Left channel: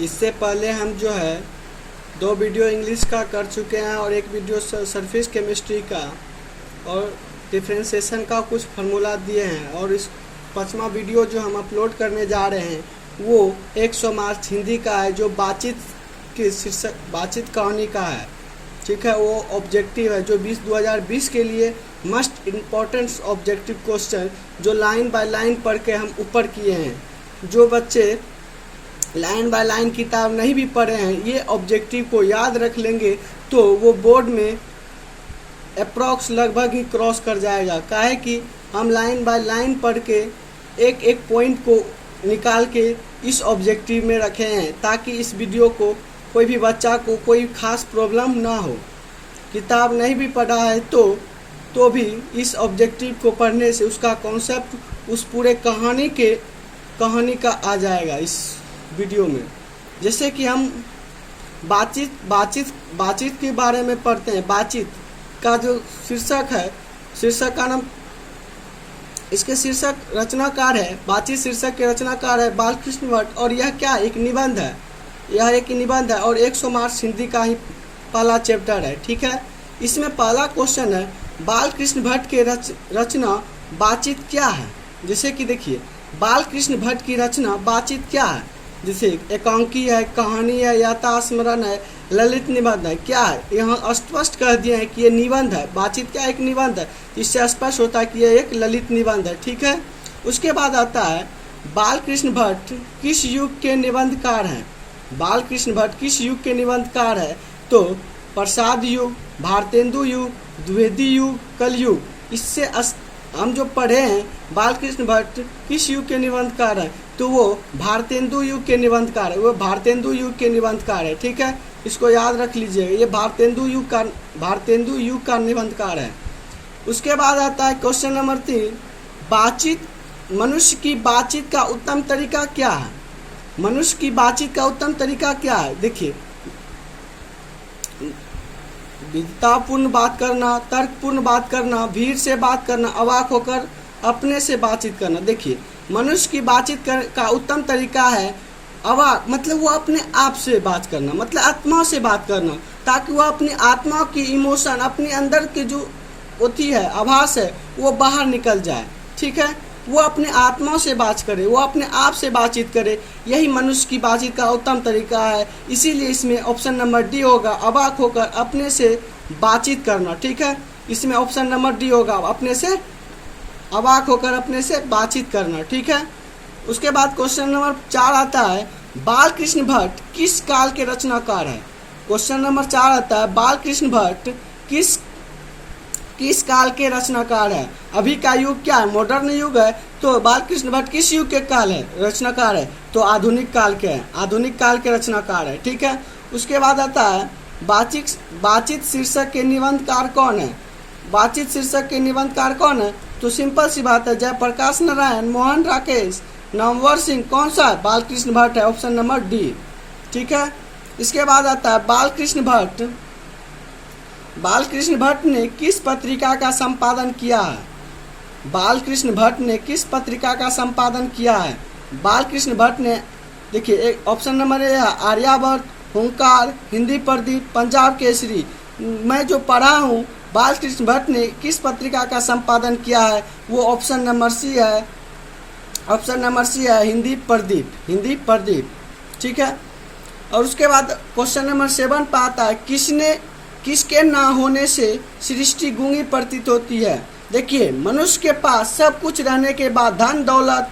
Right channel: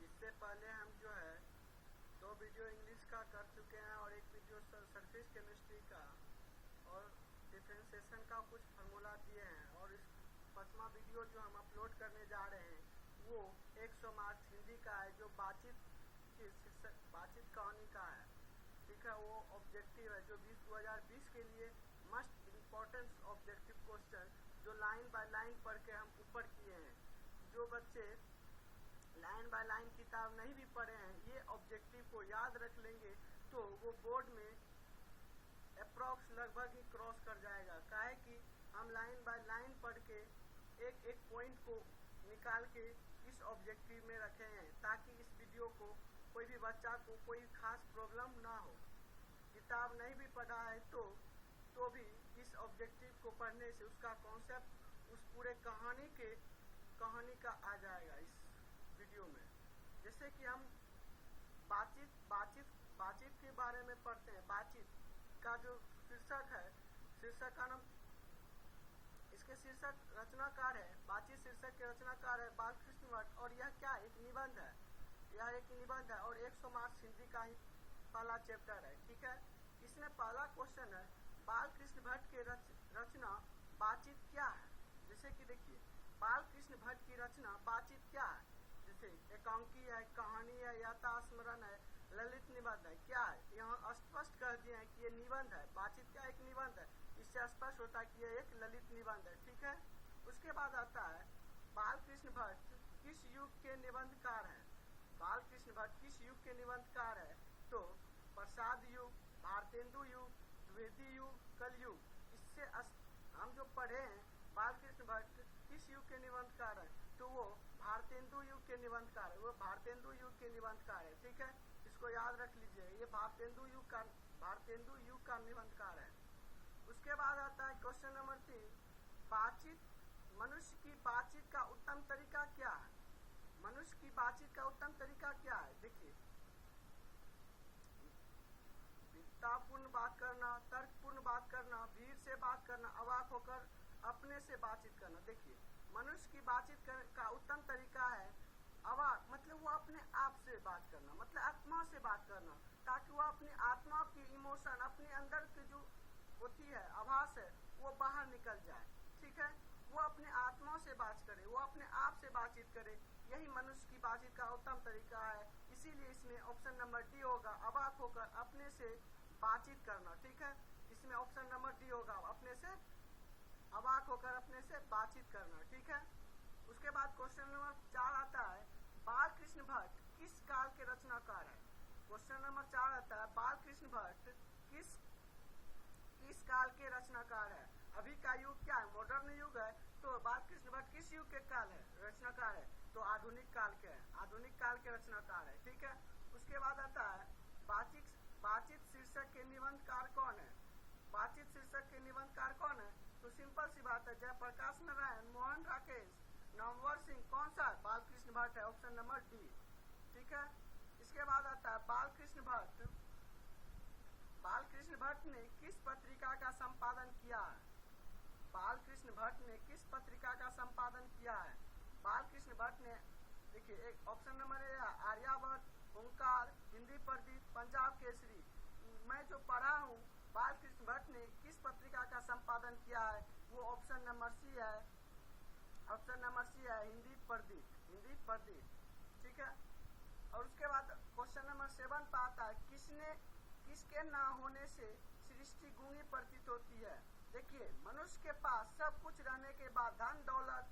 इससे पहले हम जो है 2 वीडियो इंग्लिश का कर चुके हैं और 1 वीडियो सरफेस केमिस्ट्री का और डिफ्रेंशिएशन का कुछ फार्मूला दिए हैं। और इस 5वां वीडियो जो हम अपलोड करने जा रहे हैं वो 100 मार्क्स हिंदी का है, जो बातचीत कहानी का है। ठीक है, वो ऑब्जेक्टिव है जो 2020 के लिए मस्ट इम्पॉर्टेंट ऑब्जेक्टिव क्वेश्चन जो लाइन बाय लाइन पढ़ के हम ऊपर किए हैं। जो बच्चे लाइन बाय लाइन किताब नहीं भी पढ़े हैं, ये ऑब्जेक्टिव को याद रख लेंगे तो वो बोर्ड में अप्रॉक्स लगभग ही क्रॉस कर जाएगा। काहे कि हम लाइन बाय लाइन पढ़ के एक एक पॉइंट को निकाल के इस ऑब्जेक्टिव में रखे हैं, ताकि इस वीडियो को कोई भी बच्चा को कोई खास प्रॉब्लम ना हो। किताब नहीं भी पढ़ा है तो भी इस ऑब्जेक्टिव को पढ़ने से उसका कॉन्सेप्ट उस पूरे कहानी का आ जाएगा इस वीडियो में। जैसे कि हम बातचीत के बारे में पढ़ते हैं। बातचीत का जो शीर्षक है, शीर्षक का नाम, इसके शीर्षक रचनाकार है, बातचीत शीर्षक के रचनाकार है बालकृष्ण भट्ट। और यह क्या एक निबंध है, यह एक निबंध है और 100 मार्क्स हिंदी का ही पहला चैप्टर है। ठीक है, इसमें पहला क्वेश्चन है बालकृष्ण भट्ट के रचना बातचीत क्या है। जैसे कि देखिए, बालकृष्ण भट्ट की रचना बातचीत क्या है। जैसे एकांकी है, कहानी है, यथास्मरण है, ललित निबंध है, क्या है। यहाँ स्पष्ट कह दिए हैं कि ये निबंध है। बातचीत क्या एक निबंध है, इससे स्पष्ट होता है कि ये एक ललित निबंध है। ठीक है, उसके बाद आता है बालकृष्ण भट्ट किस युग के निबंधकार हैं। बालकृष्ण भट्ट किस युग के निबंधकार है, तो प्रसाद युग, भारतेंदु युग, द्विवेदी युग, कलयुग। इससे हम जो पढ़े हैं बालकृष्ण भट्ट किस युग के निबंधकार है, तो वो भारतेंदु युग के निबंधकार है, वो भारतेंदु युग के निबंधकार है। ठीक है, इसको याद रख लीजिए, ये भारतेंदु युग का निबंधकार है। उसके बाद आता है क्वेश्चन नंबर 3, बातचीत, मनुष्य की बातचीत का उत्तम तरीका क्या है। मनुष्य की बातचीत का उत्तम तरीका क्या है। देखिए, विद्वतापूर्ण बात करना, तर्कपूर्ण बात करना, भीड़ से बात करना, अवाक होकर अपने से बातचीत करना। देखिए, मनुष्य की बातचीत का उत्तम तरीका है अवाक, मतलब वो अपने आप से बात करना, मतलब आत्मा से बात करना, ताकि वो अपनी आत्मा की इमोशन, अपने अंदर की जो होती है आभास है, वो बाहर निकल जाए। ठीक है, वो अपने आत्मा से बात करे, वो अपने आप से बातचीत करे। यही मनुष्य की बातचीत का उत्तम तरीका है। इसीलिए इसमें ऑप्शन नंबर डी होगा, अवाक होकर अपने से बातचीत करना। ठीक है, इसमें ऑप्शन नंबर डी होगा, अपने से अवाक होकर अपने से बातचीत करना। ठीक है, उसके बाद क्वेश्चन नंबर 4 आता है बालकृष्ण भट्ट किस काल के रचनाकार है। क्वेश्चन नंबर 4 आता है बालकृष्ण भट्ट किस काल के रचनाकार है। अभी का युग क्या है, मॉडर्न युग है, तो बालकृष्ण भट्ट किस युग के काल है रचनाकार है, तो आधुनिक काल के हैं, आधुनिक काल के रचनाकार है। ठीक है, उसके बाद आता है बातचीत शीर्षक के निबंधकार कौन है। बातचीत शीर्षक के निबंधकार कौन है, तो सिंपल सी बात है, जयप्रकाश नारायण, मोहन राकेश, नामवर सिंह। कौन सा, बालकृष्ण भट्ट है, ऑप्शन नंबर डी। ठीक है, इसके बाद आता है बालकृष्ण भट्ट ने किस पत्रिका का संपादन किया है। बालकृष्ण भट्ट ने किस पत्रिका का संपादन किया है। बालकृष्ण भट्ट ने, देखिए, एक ऑप्शन नंबर ए है आर्यावर्त, हुंकार, हिंदी प्रदीप, पंजाब केसरी। मैं जो पढ़ा हूँ बालकृष्ण भट्ट ने किस पत्रिका का संपादन किया है, वो ऑप्शन नंबर सी है, ऑप्शन नंबर सी है हिंदी प्रदीप। ठीक है, और उसके बाद क्वेश्चन नंबर 7 पे आता है किसके ना होने से सृष्टि गूंगी प्रतीत होती है। देखिए, मनुष्य के पास सब कुछ रहने के बाद, धन दौलत,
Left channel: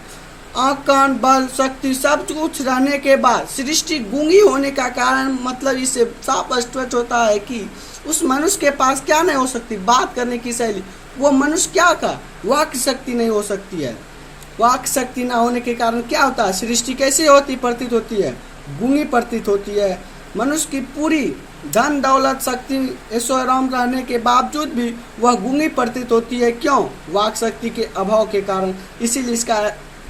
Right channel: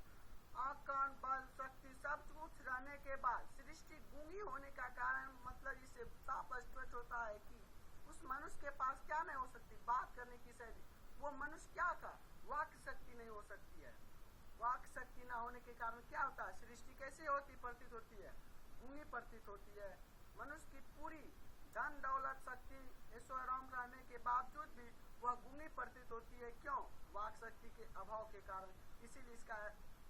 आँख कान बल शक्ति सब कुछ रहने के बाद सृष्टि गूंगी होने का कारण, मतलब इससे साफ स्पष्ट होता है कि उस मनुष्य के पास क्या नहीं हो सकती, बात करने की शैली। वो मनुष्य क्या का वाक शक्ति नहीं हो सकती है। वाक शक्ति ना होने के कारण क्या होता है, सृष्टि कैसे होती प्रतीत होती है, गूंगी प्रतीत होती है। मनुष्य की पूरी धन दौलत शक्ति ऐश्वर्य रहने के बावजूद भी वह गूंगी प्रतीत होती है। क्यों, वाक शक्ति के अभाव के कारण। इसीलिए इसका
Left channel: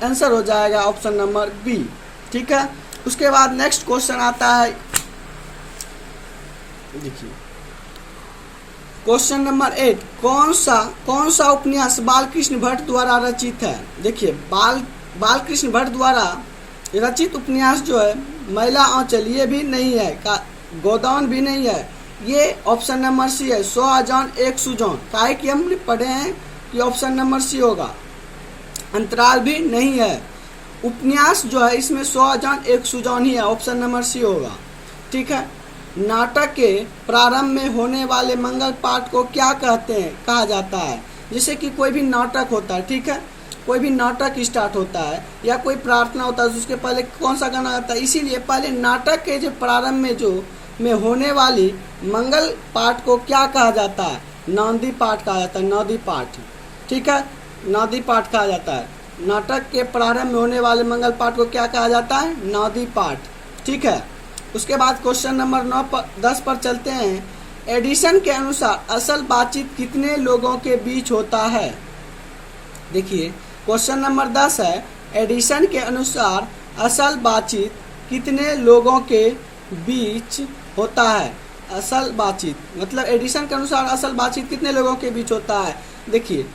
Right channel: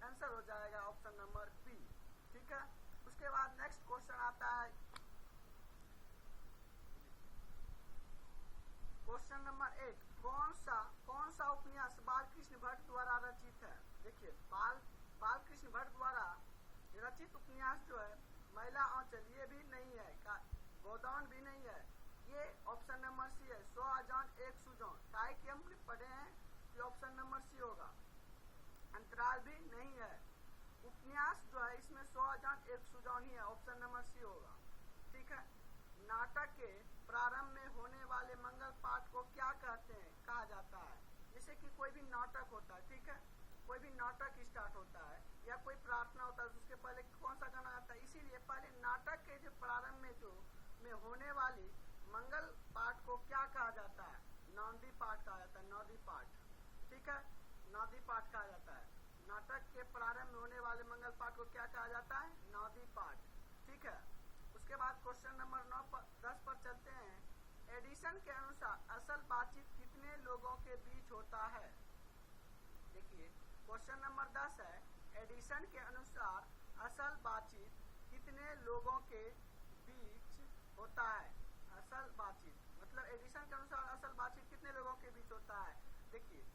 आंसर हो जाएगा ऑप्शन नंबर बी। ठीक है, उसके बाद नेक्स्ट क्वेश्चन आता है, देखिए क्वेश्चन नंबर 8, कौन सा उपन्यास बालकृष्ण भट्ट द्वारा रचित है। देखिए, बालकृष्ण भट्ट द्वारा रचित उपन्यास जो है महिला आंचल ये भी नहीं है, गोदान भी नहीं है। ये ऑप्शन नंबर सी है, 100 अजान 1 सुजान। काहे कि हमने पढ़े हैं कि ऑप्शन नंबर सी होगा। अंतराल भी नहीं है। उपन्यास जो है इसमें 100 अजान 1 सुजान ही है, ऑप्शन नंबर सी होगा। ठीक है। नाटक के प्रारंभ में होने वाले मंगल पाठ को क्या कहा जाता है? जैसे कि कोई भी नाटक होता है, ठीक है, कोई भी नाटक स्टार्ट होता है या कोई प्रार्थना होता है, उसके पहले कौन सा गाना आता है? इसीलिए पहले नाटक के जो प्रारंभ में होने वाली मंगल पाठ को क्या कहा जाता है? नांदी पाठ कहा जाता है, नांदी पाठ। ठीक है, नांदी पाठ कहा जाता है। नाटक के प्रारंभ में होने वाले मंगल पाठ को क्या कहा जाता है? नांदी पाठ। ठीक है। उसके बाद क्वेश्चन नंबर 10 पर चलते हैं। एडिशन के अनुसार असल बातचीत कितने लोगों के बीच होता है? देखिए क्वेश्चन नंबर 10 है, एडिशन के अनुसार असल बातचीत कितने लोगों के बीच होता है? असल बातचीत मतलब एडिशन के अनुसार असल बातचीत कितने लोगों के बीच होता है? देखिए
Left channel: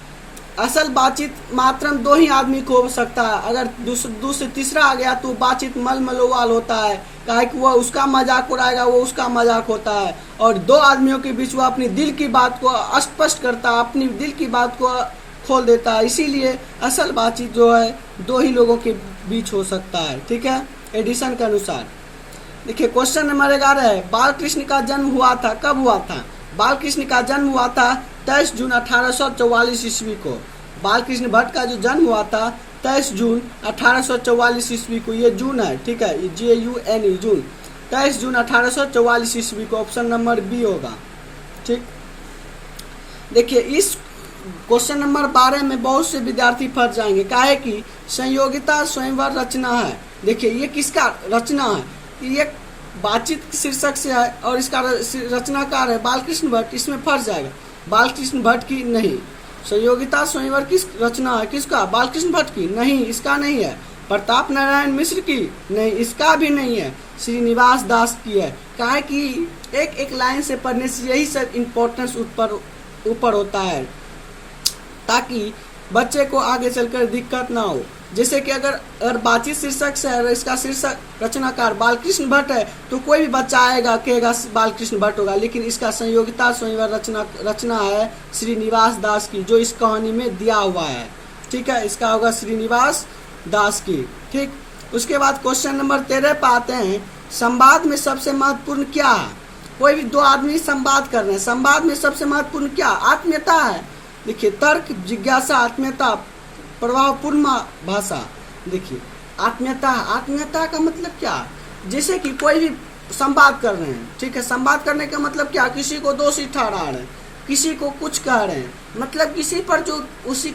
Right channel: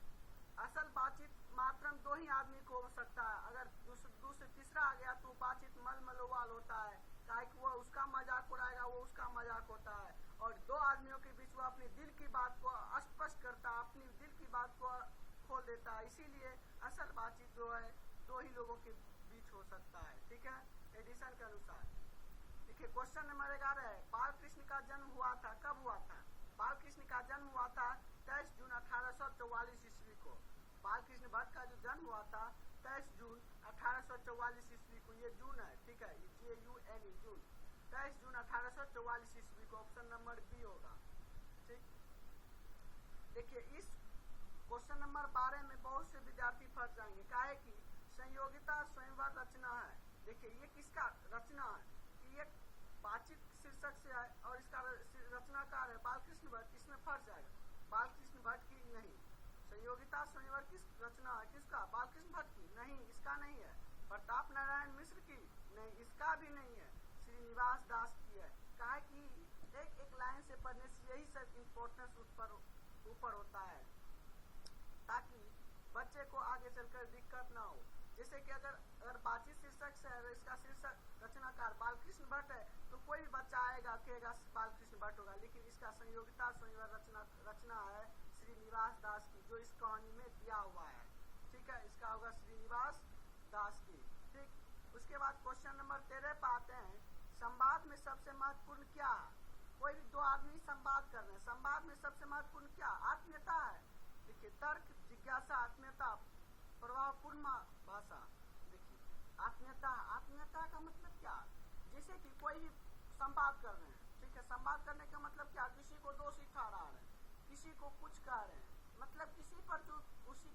असल बातचीत मात्र 2 ही आदमी को हो सकता है। अगर दूसरे तीसरा आ गया तो बातचीत मलमलोवाल होता है, काहे कि वो उसका मजाक उड़ाएगा, वो उसका मजाक होता है। और 2 आदमियों के बीच वो अपनी दिल की बात को स्पष्ट करता है, अपनी दिल की बात को खोल देता है। इसीलिए असल बातचीत जो है 2 ही लोगों के बीच हो सकता है। ठीक है, एडिशन के अनुसार। देखिए क्वेश्चन नंबर 11 है, बाल कृष्ण का जन्म हुआ था, कब हुआ था? बाल कृष्ण का जन्म हुआ था 23 जून 1844 ईस्वी को। बाल कृष्ण भट्ट का जो जन्म हुआ था 23 जून 1844 ईस्वी को। ये जून है, ठीक है, ये JUNE जून, 23 जून 1844 ईस्वी को। ऑप्शन नंबर बी होगा। ठीक। देखिए इस क्वेश्चन नंबर 12 में बहुत से विद्यार्थी फंस जाएंगे, काहे कि संयोगिता स्वयंवर रचना है। देखिए ये किसका रचना है? ये बातचीत शीर्षक से है और इसका रचनाकार है बालकृष्ण भट्ट। इसमें फंस जाएगा, बालकृष्ण भट्ट की नहीं। संयोगिता स्वयंवर किस रचना है? किसका? बालकृष्ण भट्ट की नहीं, इसका नहीं है। प्रताप नारायण मिश्र की नहीं, इसका भी नहीं है। श्रीनिवास दास की है। काहे कि एक लाइन से पढ़ने से यही सब इम्पोर्टेंस ऊपर होता है, ताकि बच्चे को आगे चलकर दिक्कत ना हो। जैसे कि अगर बातचीत शीर्षक से है, इसका शीर्षक रचनाकार बालकृष्ण भट्ट है, तो कोई भी बच्चा आएगा कहेगा बालकृष्ण भट्ट होगा। लेकिन इसका संयोगिता स्वयंवर रचना है श्रीनिवास दास की, जो इस कहानी में दिया हुआ है। ठीक है, इसका होगा श्रीनिवास दास की। ठीक। उसके बाद क्वेश्चन नंबर 13 पे आते हैं, संवाद में सबसे महत्वपूर्ण क्या है? कोई भी 2 आदमी संवाद कर रहे हैं, संवाद में सबसे महत्वपूर्ण क्या? आत्मीयता है। देखिए तर्क, जिज्ञासा, आत्मीयता, प्रभावपूर्ण भाषा। देखिए आत्मीयता का मतलब क्या? जैसे कि कोई भी संवाद कर रहे हैं, ठीक है, संवाद करने का मतलब क्या? किसी को दोषी ठहरा रहे हैं, किसी को कुछ कह रहे हैं, मतलब किसी पर जो उसी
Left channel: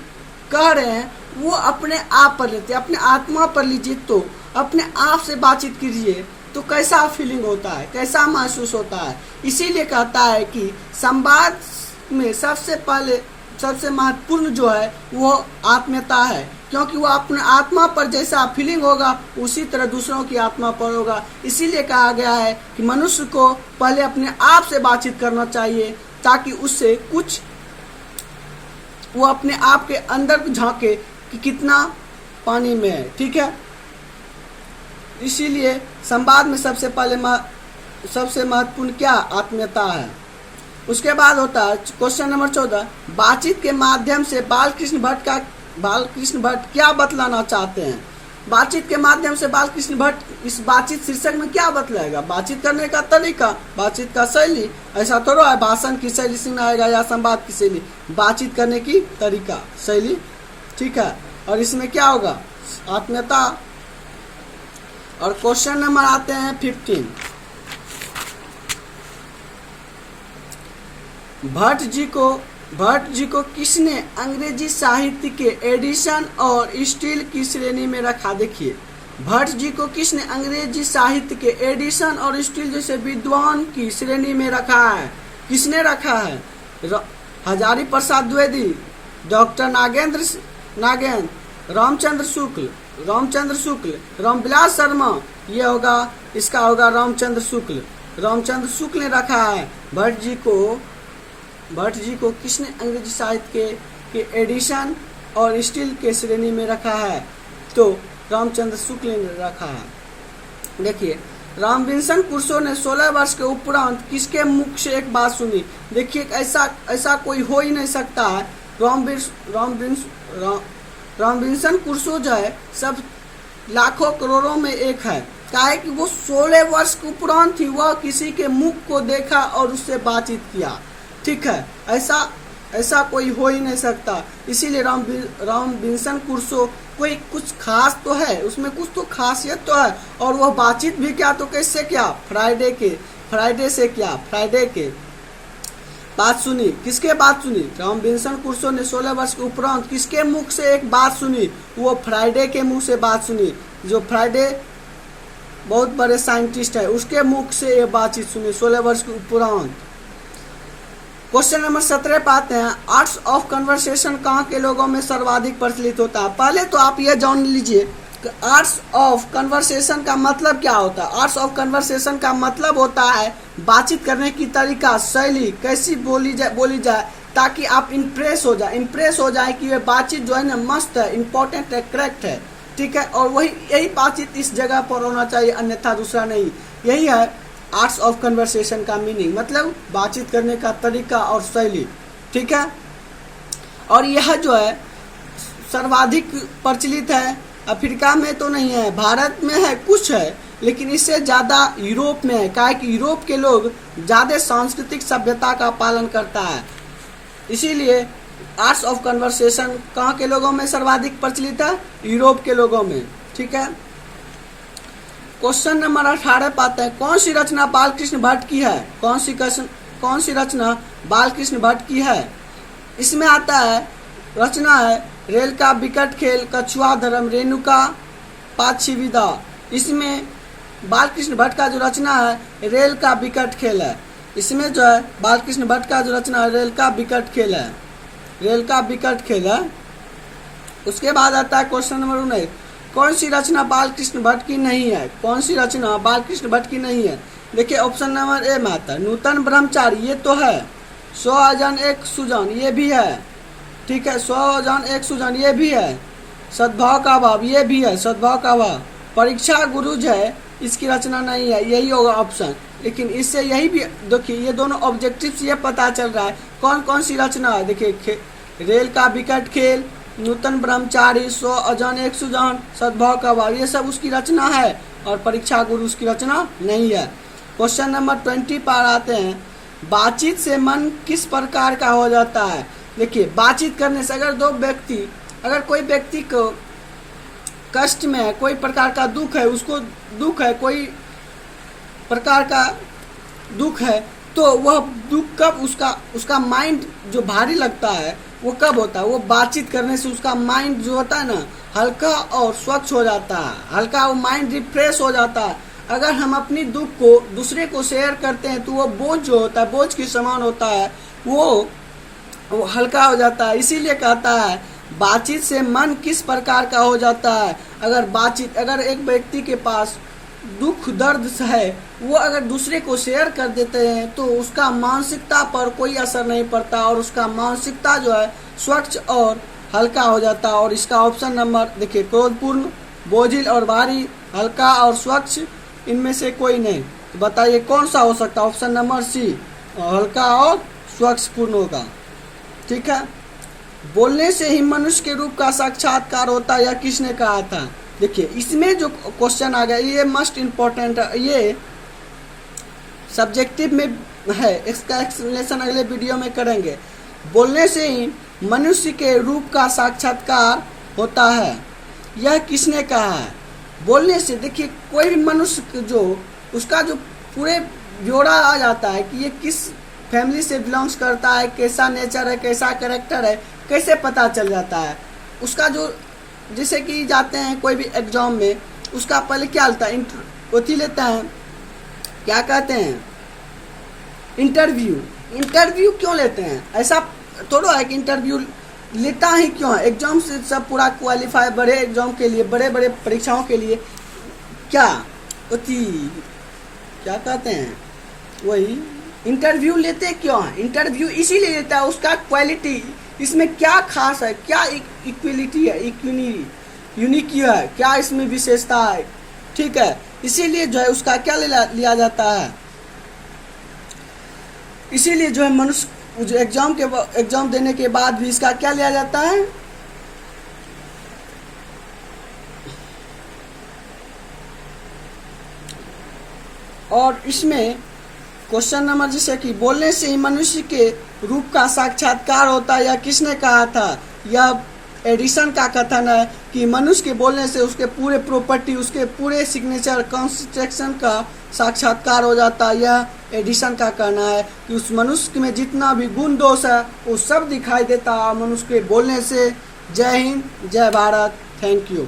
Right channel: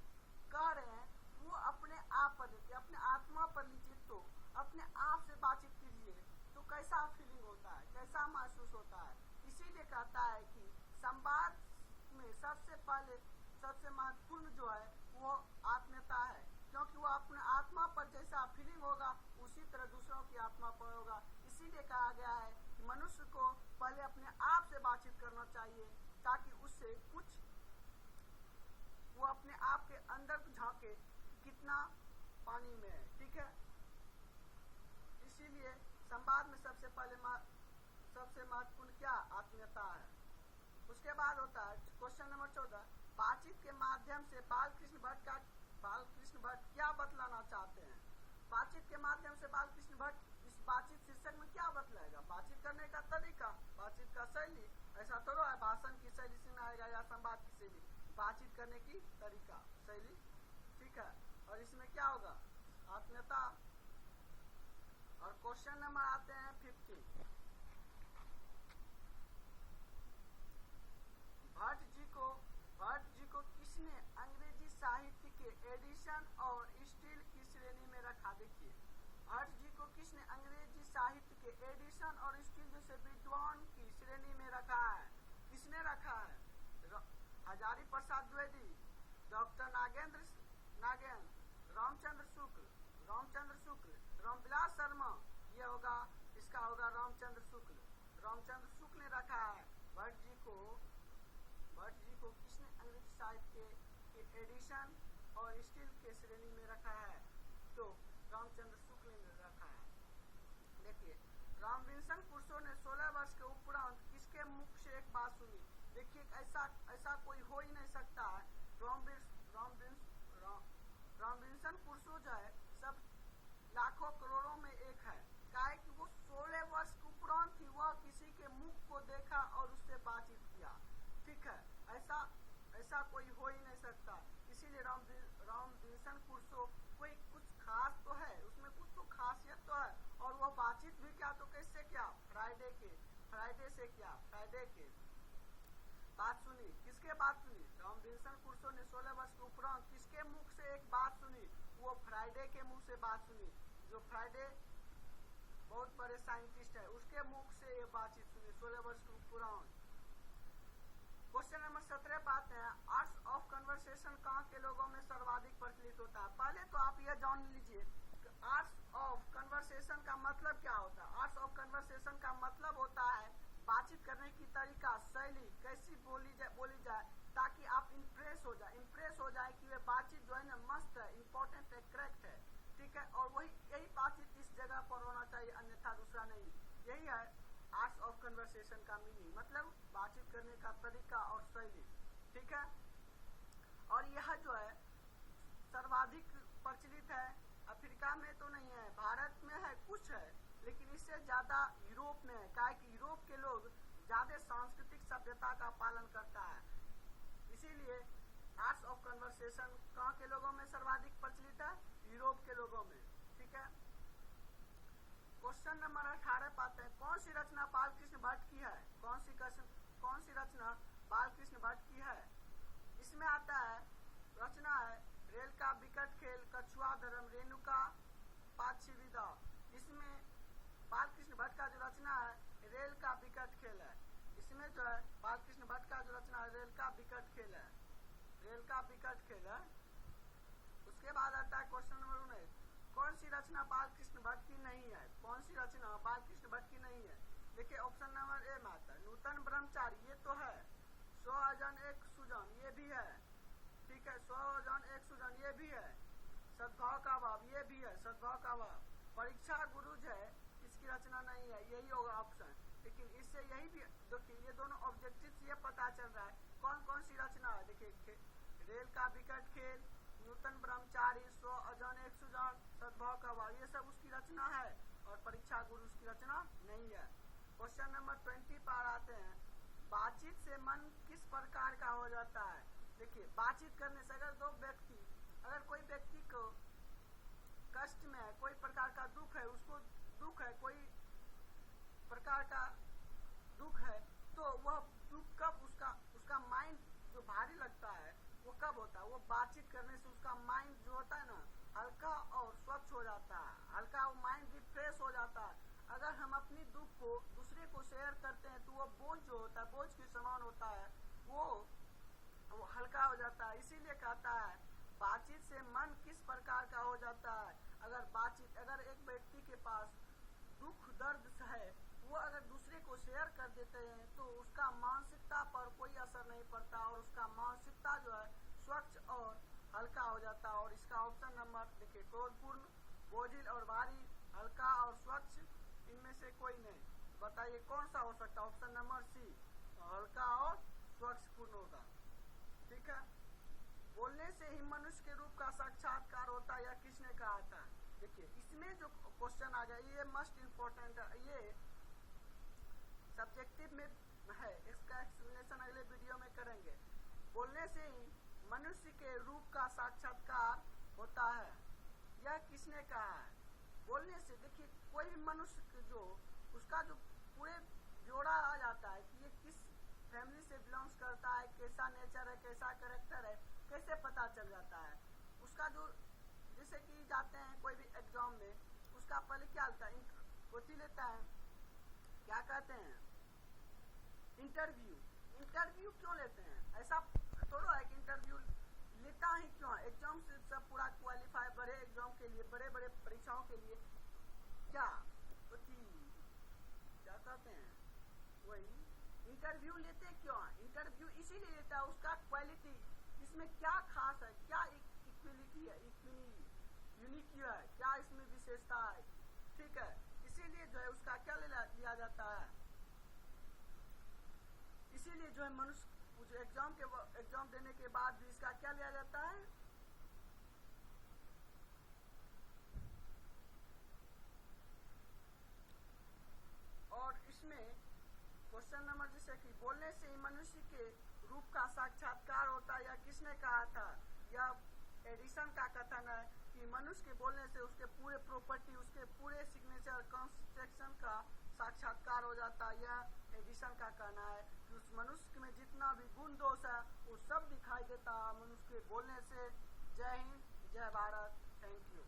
कह रहे हैं वो अपने आप पर लेते, अपने आत्मा पर लीजिए, तो अपने आप से बातचीत कीजिए तो कैसा फीलिंग होता है, कैसा महसूस होता है। इसीलिए कहता है कि संवाद में सबसे महत्वपूर्ण जो है वो आत्मीयता है, क्योंकि वो अपने आत्मा पर जैसा फीलिंग होगा उसी तरह दूसरों की आत्मा पर होगा। इसीलिए कहा गया है कि मनुष्य को पहले अपने आप से बातचीत करना चाहिए, ताकि उससे कुछ वो अपने आप के अंदर झांके कि कितना पानी में है। ठीक है, इसीलिए संवाद में सबसे महत्वपूर्ण क्या? आत्मीयता है। उसके बाद होता है क्वेश्चन नंबर 14, बातचीत के माध्यम से बालकृष्ण भट्ट क्या बतलाना चाहते हैं? बातचीत के माध्यम से बालकृष्ण भट्ट इस बातचीत शीर्षक में क्या बतलाएगा? बातचीत करने का तरीका, बातचीत का शैली। ऐसा थोड़ा है भाषण की शैली सुनाएगा या संवाद की शैली, बातचीत करने की तरीका, शैली। ठीक है, और इसमें क्या होगा? आत्मीयता। और क्वेश्चन नंबर आते हैं 15, भट्ट जी को किसने अंग्रेजी साहित्य के एडिशन और स्टील की श्रेणी में रखा? देखिए भट्ट जी को किसने अंग्रेजी साहित्य के एडिशन और स्टील जैसे विद्वान की श्रेणी में रखा है? किसने रखा है? हजारी प्रसाद द्विवेदी, डॉक्टर नागेंद्र, रामचंद्र शुक्ल, रामविलास शर्मा। ये होगा, इसका होगा रामचंद्र शुक्ल ने रखा है। भट्ट जी को किसने अंग्रेजी साहित्य के एडिशन और स्टील के श्रेणी में रखा है? तो रामचंद्र शुक्ल ने रखा है। देखिए, रामविंसन क्रूसो ने 16 वर्ष के उपरांत किसके मुख से एक बात सुनी? देखिए, ऐसा ऐसा कोई हो ही नहीं सकता है। रामविंसन क्रूसो जो है सब लाखों करोड़ों में एक है। क्या है कि वो 16 वर्ष के उपरांत ही वह किसी के मुख को देखा और उससे बातचीत किया। ठीक है, ऐसा ऐसा कोई हो ही नहीं सकता। इसीलिए रामविंसन क्रूसो कोई कुछ खास तो है, उसमें कुछ तो खासियत तो है। और वह बातचीत भी क्या तो कैसे क्या? फ्राइडे के बात सुनी। किसके बात सुनी? रामविंसन क्रूसो ने 16 वर्ष के उपरांत किसके मुख से एक बात सुनी? वो फ्राइडे के मुंह से बात सुनी। जो फ्राइडे बहुत बड़े साइंटिस्ट है, उसके मुख से ये बातचीत सुनी 16 वर्ष के उपरांत। क्वेश्चन नंबर 17 पाते हैं, आर्ट्स ऑफ कन्वर्सेशन कहाँ के लोगों में सर्वाधिक प्रचलित होता है? पहले तो आप ये जान लीजिए कि आर्ट्स ऑफ कन्वर्सेशन का मतलब क्या होता है। आर्ट्स ऑफ कन्वर्सेशन का मतलब होता है बातचीत करने की तरीका, शैली, कैसी बोली जाए ताकि आप इम्प्रेस हो जाए कि ये बातचीत जो है ना मस्त है, इम्पोर्टेंट है, करेक्ट है। ठीक है, और यही बातचीत इस जगह पर होना चाहिए, अन्यथा दूसरा नहीं। यही है आर्ट्स ऑफ कन्वर्सेशन का मीनिंग, मतलब बातचीत करने का तरीका और शैली। ठीक है, और यह जो है सर्वाधिक प्रचलित है। अफ्रीका में तो नहीं है, भारत में है, कुछ है, लेकिन इससे ज़्यादा यूरोप में है। क्या है कि यूरोप के लोग ज़्यादा सांस्कृतिक सभ्यता का पालन करता है, इसीलिए आर्ट्स ऑफ कन्वर्सेशन कहाँ के लोगों में सर्वाधिक प्रचलित है? यूरोप के लोगों में। ठीक है, क्वेश्चन नंबर 18 पाते हैं, कौन सी रचना बालकृष्ण भट्ट की है? कौन सी रचना बालकृष्ण भट्ट की है? इसमें आता है, रचना है रेल का बिकट खेल, कछुआ धर्म, रेणुका पाछी विदा। इसमें बालकृष्ण भट्ट का जो रचना है रेल का बिकट खेल है। इसमें जो है बालकृष्ण भट्ट का जो रचना है रेल का बिकट खेल है। उसके बाद आता है क्वेश्चन नंबर 19, कौन सी रचना बालकृष्ण भट्ट की नहीं है? कौन सी रचना बालकृष्ण भट्ट की नहीं है? देखिए, ऑप्शन नंबर ए में आता है नूतन ब्रह्मचारी, ये तो है। 100 अजान एक सुजान, ये भी है। ठीक है, 100 अजान एक सुजान, ये भी है। सद्भाव का भाव, ये भी है, सद्भाव का भाव। परीक्षा गुरुज है, इसकी रचना नहीं है, यही होगा ऑप्शन। लेकिन इससे यही भी देखिए, ये दोनों ऑब्जेक्टिव्स ये पता चल रहा है कौन कौन सी रचना है। देखिए, रेल का बिकट खेल, नूतन ब्रह्मचारी, 100 अजान एक सुजान, सद्भाव का भाव, ये सब उसकी रचना है, और परीक्षा गुरु उसकी रचना नहीं है। क्वेश्चन नंबर 20 पर आते हैं, बातचीत से मन किस प्रकार का हो जाता है? देखिए, बातचीत करने से अगर कोई व्यक्ति को कष्ट में है, कोई प्रकार का दुख है, कोई प्रकार का दुख है, तो वह दुख कब उसका माइंड जो भारी लगता है वो कब होता है? वो बातचीत करने से उसका माइंड जो होता है ना हल्का और स्वच्छ हो जाता है, हल्का वो माइंड रिफ्रेश हो जाता है। अगर हम अपनी दुख को दूसरे को शेयर करते हैं तो वो बोझ जो होता है, बोझ के समान होता है, वो हल्का हो जाता है। इसीलिए कहता है बातचीत से मन किस प्रकार का हो जाता है। अगर एक व्यक्ति के पास दुख दर्द है, वो अगर दूसरे को शेयर कर देते हैं तो उसका मानसिकता पर कोई असर नहीं पड़ता, और उसका मानसिकता जो है स्वच्छ और हल्का हो जाता है। और इसका ऑप्शन नंबर देखिए, क्रोधपूर्ण, बोझिल और भारी, हल्का और स्वच्छ, इनमें से कोई नहीं। तो बताइए कौन सा हो सकता है? ऑप्शन नंबर सी, हल्का और स्वच्छ पूर्ण होगा। ठीक है, बोलने से ही मनुष्य के रूप का साक्षात्कार होता है, यह किसने कहा था? देखिए, इसमें जो क्वेश्चन आ गया ये मस्ट इम्पोर्टेंट है, ये सब्जेक्टिव में है, इसका एक्सप्लेनेशन अगले वीडियो में करेंगे। बोलने से ही मनुष्य के रूप का साक्षात्कार होता है, यह किसने कहा है? बोलने से देखिए, कोई भी मनुष्य जो उसका जो पूरे ब्यौरा आ जाता है कि ये किस फैमिली से बिलोंग्स करता है, कैसा नेचर है, कैसा कैरेक्टर है, कैसे पता चल जाता है उसका। जो जैसे कि जाते हैं कोई भी एग्जाम में, उसका पहले क्या होता है, लेते हैं, क्या कहते हैं, इंटरव्यू क्यों लेते हैं? ऐसा थोड़ा है कि इंटरव्यू लेता ही क्यों है? एग्जाम से सब पूरा क्वालिफाई, बड़े एग्जाम के लिए, बड़े बड़े परीक्षाओं के लिए क्या कहते हैं, वही इंटरव्यू लेते क्यों है? इंटरव्यू इसीलिए लेता है, उसका क्वालिटी, इसमें क्या खास है, क्या इक्वलिटी है, यूनिक है, क्या इसमें विशेषता है, ठीक है, इसीलिए जो है उसका क्या लिया जाता है, इसीलिए जो है मनुष्य जो एग्जाम देने के बाद भी इसका क्या लिया जाता है, और इसमें क्वेश्चन नंबर जैसे कि बोलने से ही मनुष्य के रूप का साक्षात्कार होता है, यह किसने कहा था, यह एडिसन का कथन है कि मनुष्य के बोलने से उसके पूरे प्रॉपर्टी, उसके पूरे सिग्नेचर कॉन्स्ट्रक्शन का साक्षात्कार हो जाता है। यह एडिसन का कहना है कि उस मनुष्य में जितना भी गुण दोष है वो सब दिखाई देता है मनुष्य के बोलने से। जय हिंद, जय भारत, थैंक यू।